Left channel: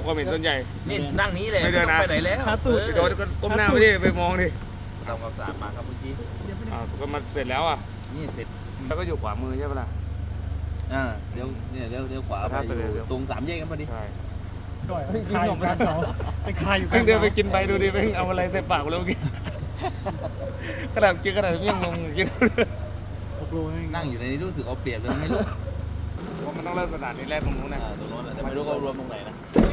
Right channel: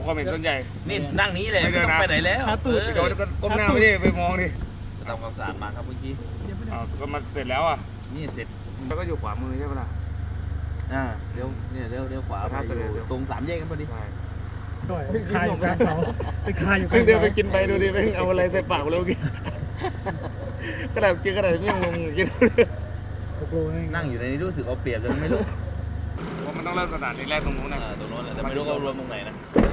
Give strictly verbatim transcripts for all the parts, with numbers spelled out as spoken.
ความเห็นส่วนใหญ่นี่นั่งนี้เลยไม่ต้องไปไหนแล้วไปโดนก็ก้มหน้าไปดิไปมองดิต้องเอาสามมาครับเมื่อกี้อ่าก็มาเสร็จแล้วอ่ะนี่เสร็จแล้วก็อยู่ขวามือใช่ไหมล่ะอ่าเดี๋ยวเนี่ยเดี๋ยวเดี๋ยวขวาไปอยู่ตรงสามแยกกันพอดีไปคายอยู่กลางเขาไปคายอยู่กลางเดี๋ยวไปกินไปดูดิไปเอาอะไรใส่ปากแล้วกินกระดาษกินกระดาษยังงงกินนั่งอยู่ในนี้รู้สึกเอาเปรียบแต่ไม่รู้เพราะมันต้องเริ่มสถานีแรกตรงนู้นนะตรงนู้นแต่ไม่รู้เขารวมตรงไหนนะ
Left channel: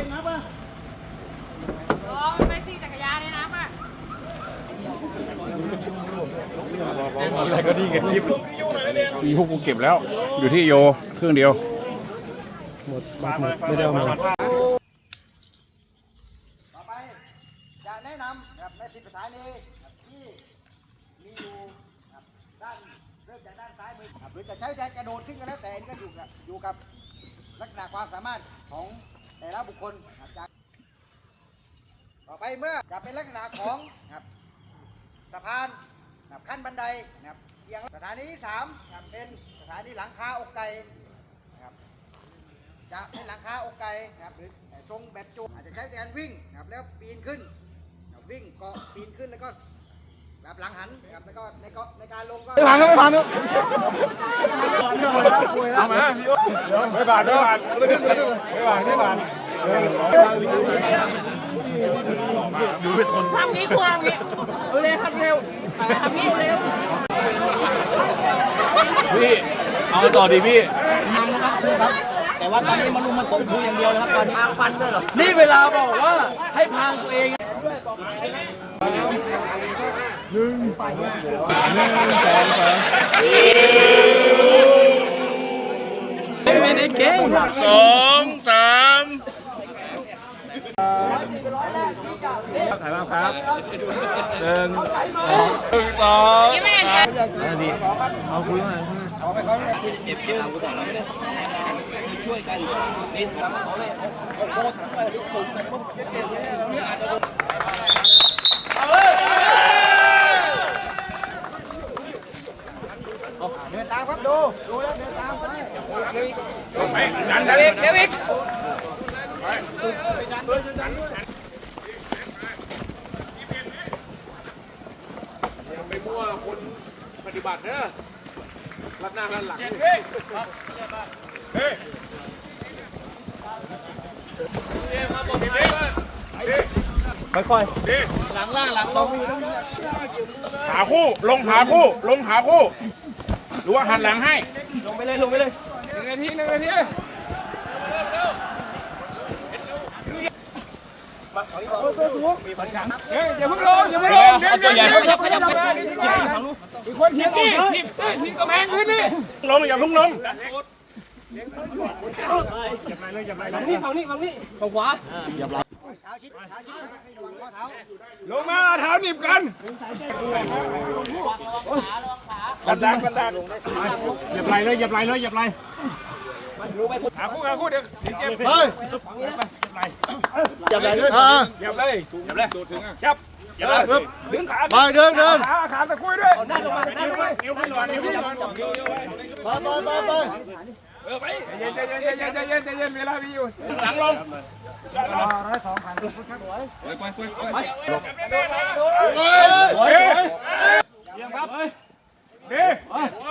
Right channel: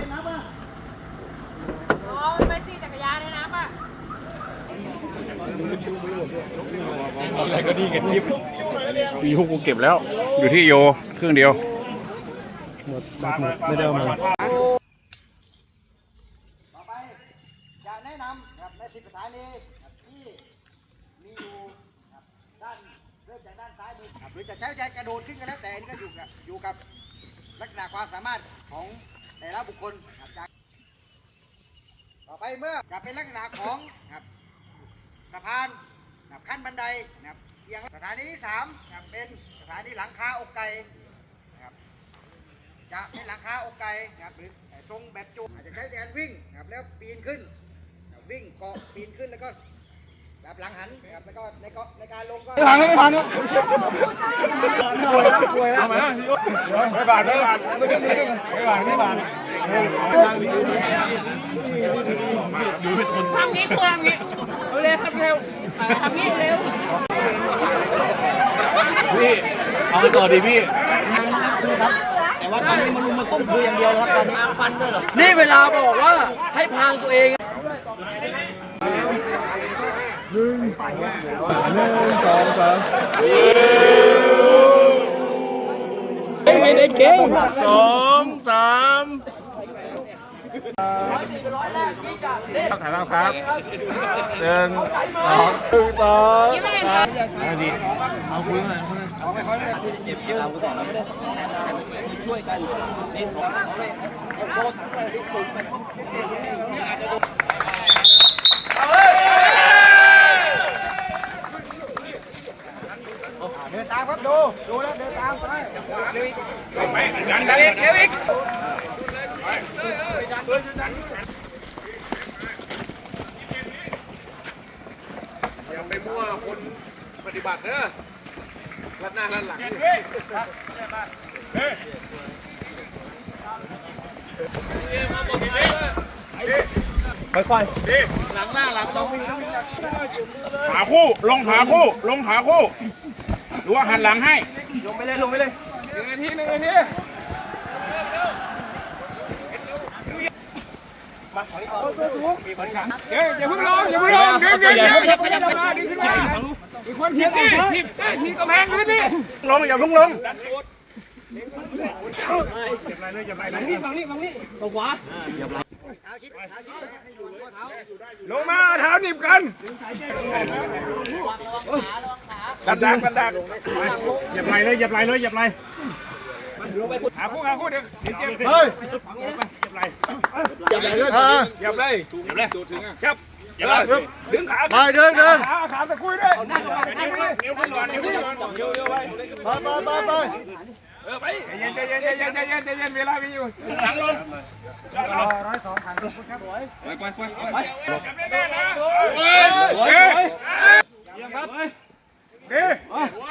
อ๋อมันไปขี่จักรยานเลยนะป่ะอะไรก็ดีกันคลิปมีฮุกกูเก็บแล้วอยู่ที่โยเครื่องเดียวหมดหมดไม่ได้เอามาต่อไปจะแนะนำครับในสิบสถานีที่มีอยู่ด้านเริ่มจากด้านซ้ายมือหรือจะใช้ใจกระโดดขึ้นก็แล้วแต่นี่ก็อยู่กับอยู่กับลักษณะความสามารถของแต่ละบุคคลจากต่อไปเมื่อจะเป็นลักษณะของครับสะพานขั้นบันไดนะครับอย่างสถานีที่สามเป็นสถานีหลังคาอกไก่นะครับจะเป็นหลังคาอกไก่นะครับหรือทรงแบบจุกอาจจะใช้การวิ่งนะครับแล้วปีนขึ้นวิ่งเกาะปีนขึ้นแล้วก็แบบหลังหันนะครับแล้วก็ในเกาะในการลงก็ไม่ผ่านไม่ผ่านเนาะเอามาไม่ผ่านไม่ผ่านไม่ผ่านไม่ผ่านดูเป็นคนทำนี้ควงนี้เอาเร็วทำเร็วทำนี้เร็วพี่เอาต่อดีพี่แต่ว่าตอนนี้มันมันต้มคืออย่างเดียวแล้วตอนนี้ฟันด้วยเหรอนี่เวลาบอกว่าให้พางตัวเองหนึ่งหนึ่งสองสามไม่ได้เก่งสองสามถ่ายมาครับหนึ่งสองอันนี้เอาคุยหน่อยเจ็บเยอะกูสอนเราไม่ได้ช่วยกันนี่เดินตามครับดูดูแล้วเดินตามไปเร็วอีกเร็วอีกยังไปมั่วคนปฏิบัติเด้อรัดหน้ารัดหลังเฮ้ยเฮ้ยค่อยๆหลังล่างหลังลงหาคู่ลงหาคู่ลงหาคู่หรือว่าหันหลังให้ลงไปเลยลงไปเลยหนึ่งนาทีหนึ่งนาทีเดี๋ยวอย่าเพิ่งลงอย่าเพิ่งลงเดี๋ยวเดี๋ยวเดี๋ยวขยับขยับขยับนี่ขึ้นมามีคนทีนี่ทีทีกระแพงขึ้นนี่ลงอย่าเพิ่งลงฝั่งนี้ฝั่งนี้ฝั่งนี้ฝั่งขวาลงมาเท้าหนีบกันกันดักกันดักอย่าไหลเลยอย่าไหลเลยอย่าไหลหาคู่หาคู่เดี๋ยวเจ็บเฮ้ยอย่าไหลอย่าไหลเลยอย่าไหลอย่าไหลถึงครับอย่าไหลดึงขาไปเดินเดินขาขาตะคุยด้วยนั่งลงมานั่งเลยเดี๋ยวขึ้นก่อนเดี๋ยวขึ้นก่อนเดี๋ยวเดี๋ยวไปไปไปไปเออไปใจเย็นใจเย็นใจเย็นใจเย็นใจเย็นเวลามีอยู่หลังลงร้อยสองพันครับไปไปไปลงเฮ้ยเยี่ยมครับดี